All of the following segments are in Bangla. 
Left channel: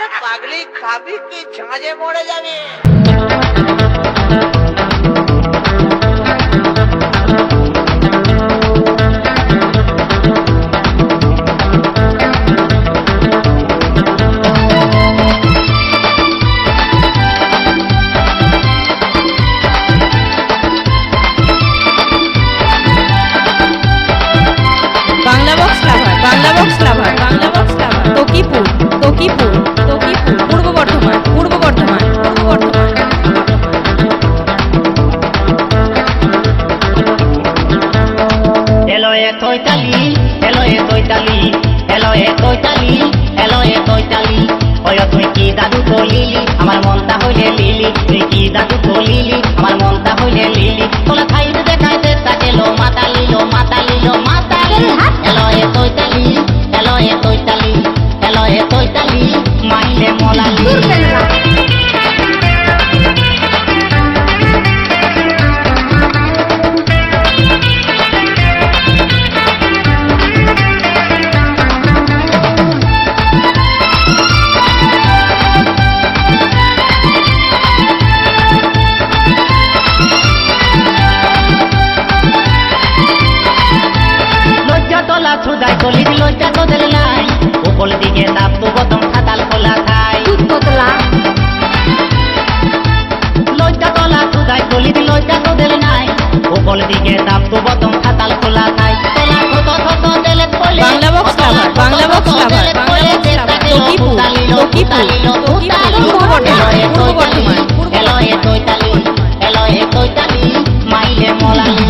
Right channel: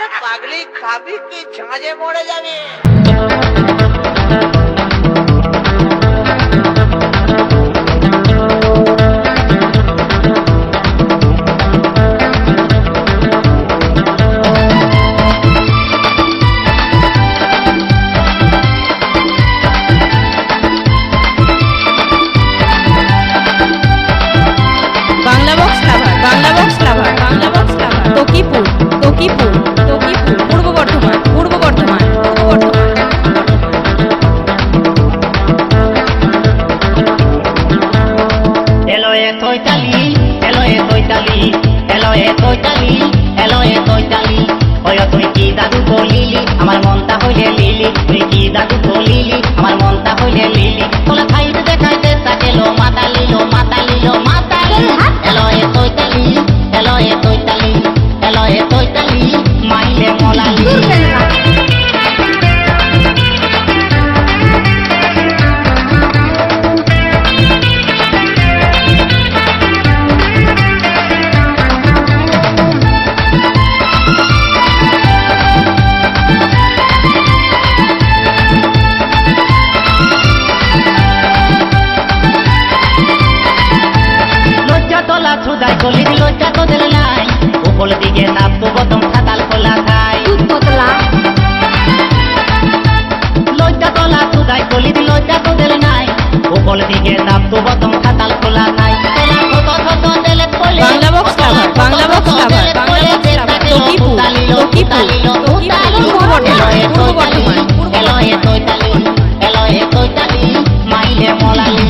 আরে পাগলি খাবি কি ঝাঁঝে মরে যাবে। Bangla box lover, Bangla box lover, Bangla box lover, Takipur, Takipur, Takipur, Purba Bardhaman, পূর্ব বর্ধমান, পূর্ব বর্ধমান, পূর্ব বর্ধমান। এলো এ তৈতালি, এলো এ তৈতালি, এলো এ তৈতালি, এলো এ তৈতালি। ওই তুই কি দাদু কলিলি, আমার মনটা হইলে লিলি। তুই কি দাদু কলিলি, আমার মনটা হইলে লিলি। তোলা খাইতে দেখাইতে তাকেলো মাতালি, লো মাতালি, লো মাতালি। এলো এ তৈতালি, এলো এ তৈতালি, এলো এ তৈতালি, মাইলে মোলালি। তোলা ছুদাই কলি দিল লজ্জা তোদের নাই, উপর দিকে তাপ তো বতম খাতাল খোলা থাই। লজ্জা তোলা ছুদাই কলি দিল লজ্জা তোদের নাই, উপর দিকে তাপ তো বতম খাতাল খোলা থাই। তোলা থত থত দেলে পলে Bangla box lover, Bangla box lover, Bangla box lover, Takipur, Takipur, Takipur, Purba Bardhaman, পূর্ব বর্ধমান, পূর্ব এলো এ বর্ধমান। তৈতালি, এলো এ তৈতালি, মাইলে মোলালি।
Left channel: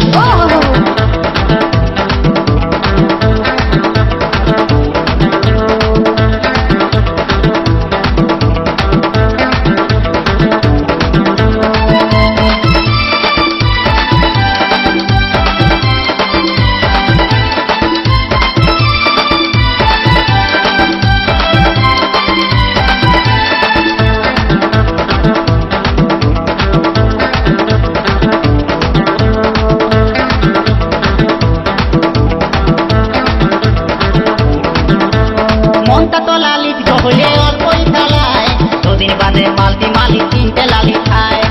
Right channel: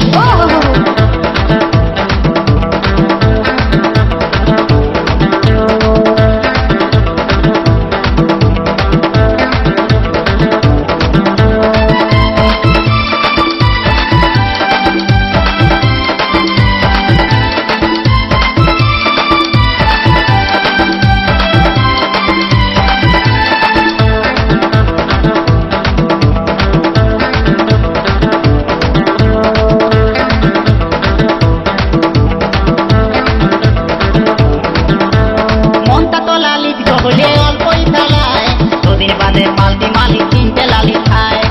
মনটা তো লালিত গহলে অল্পই চালায়, দুদিন বাদে পাল্টি মালিক তিনটে লালি খায়।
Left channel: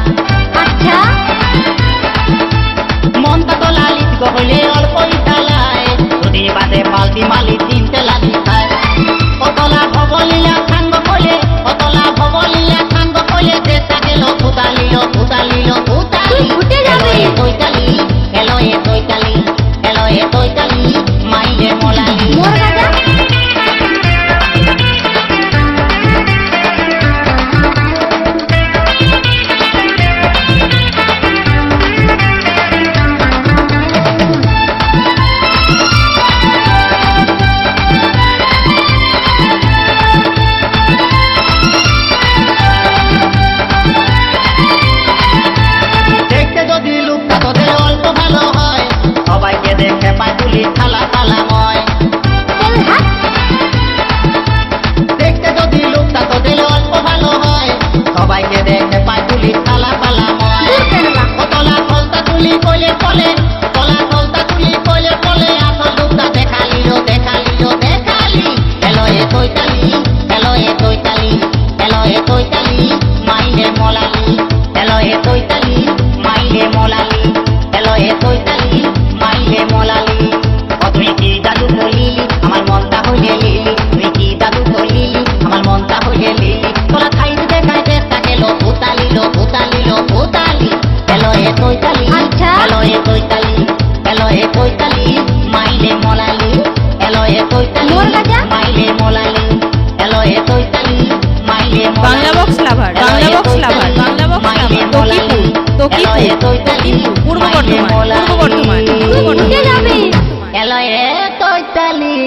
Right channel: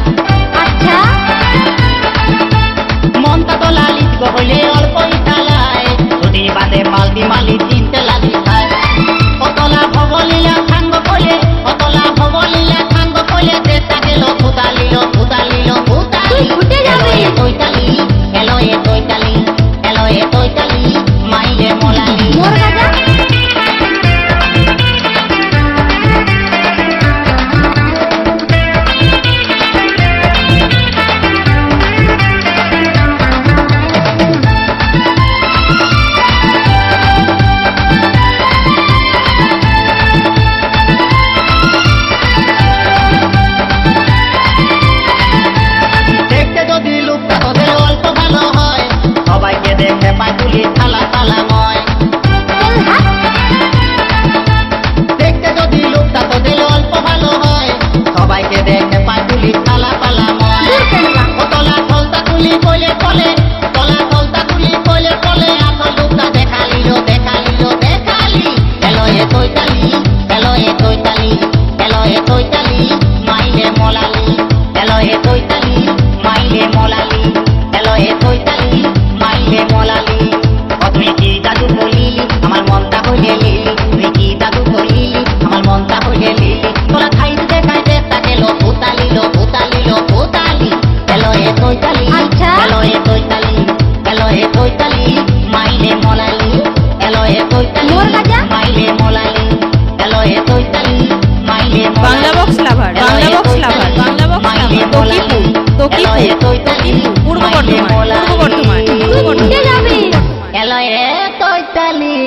আচ্ছা, মনটা তো লালিত গহলে অল্পই চালায়, দুদিন বাদে পাল্টি মালিক তিনটে লালি খায়। অতলা ভবলীলা খাঙ্গ কলে, অতলা ভবলীলা খাঙ্গ কলে, চেষ্টা গেল ফুটালিল, ফুটালিল, ফুটালি। এলো এ তৈতালি, এলো এ তৈতালি, এলো এ তৈতালি, মাইলে মোলালি। মোর গাজা তোদের অল্প ভালো হয়, সবাইকে দেখে পায় তুলি থালা তালাময়। দেখতে যদি লোকটা তোদের অল্প ভালো হয়, সবাইকে দেখে পায় তুলি থালা পালাময়। কতলা থলতা তুলি কইলে বলে, কতলা থলতা তুলি কইলে বলে, আসল লোকটা দেখালিল, দেখালিল, দেখালি। এলো এ তৈতালি, এলো এ তৈতালি, এলো এ তৈতালি, মাইলে মোলালি। এলো এ তৈতালি, মাইলে মোলালি, এলো এ তৈতালি, মাইলে মোলালি। ও তুই কি দাদু কলিলি, আমার মনটা হইলে লিলি। তুই কি দাদু কলিলি, আমার মনটা হইলে লিলি। তোলা খাইতে দেখাইতে তাকেলো ফুটালিল, ফুটালিল, ফুটালি। এলো এ তৈতালি, আচ্ছা। এলো এ তৈতালি, এলো এ তৈতালি, মাইলে মোলালি। এলো এ তৈতালি, মোর গাজা মাইলে মোলালি। এলো এ তৈতালি, মাইলে মোলালি। Bangla box lover, Bangla box lover, Bangla box lover, Takipur, Takipur, Takipur, Purba Bardhaman, পূর্ব বর্ধমান, পূর্ব বর্ধমান, পূর্ব বর্ধমান। এলো এ তৈতালি।